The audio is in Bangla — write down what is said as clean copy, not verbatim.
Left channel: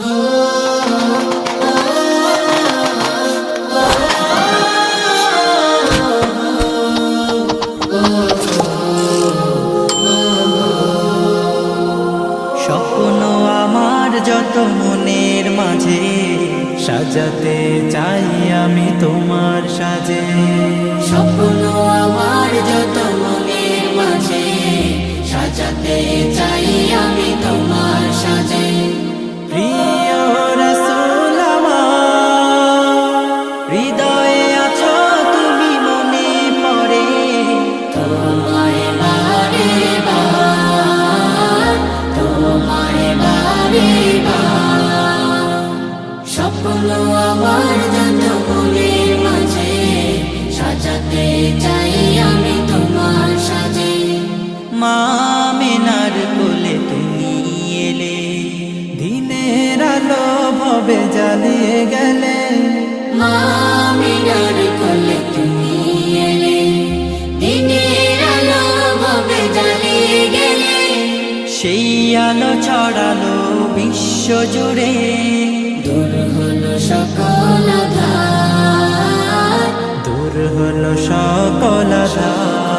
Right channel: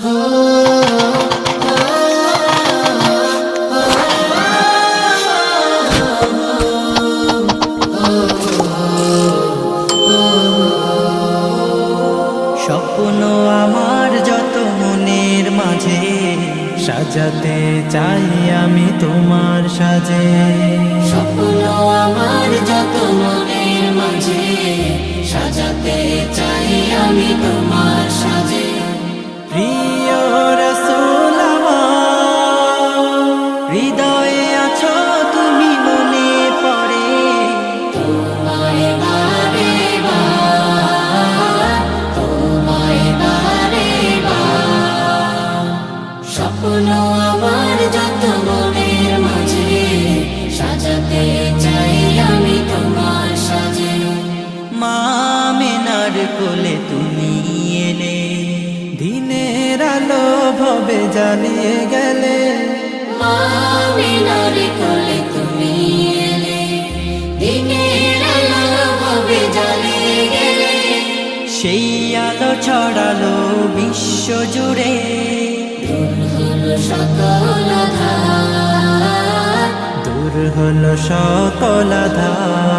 স্বপ্ন আমার যত মনের মাঝে সাজাতে চাই আমি তোমার সাজে। স্বপ্ন আমার যত মনের মাঝে সাজাতে চাই আমি তোমার সাজে। প্রিয় রাসূল আমার, হৃদয়ে আছো তুমি, মনে পড়ে তোমায় বারে বার, তোমায় বারে বার। স্বপ্ন আমার যত মনের মাঝে সাজাতে চাই আমি তোমার সাজে। মা আমিনার কোলে তুমি এলে, দিনের আলো ভবে জ্বালিয়ে গেলে। মা আমিনার কোলে তুমি এলে, দিনের আলো ভাবে জ্বালিয়ে গেলে। সেই আলো ছড়ালো বিশ্ব জুড়ে, দূর হলো সকল আঁধার, দূর হলো সকল আঁধার।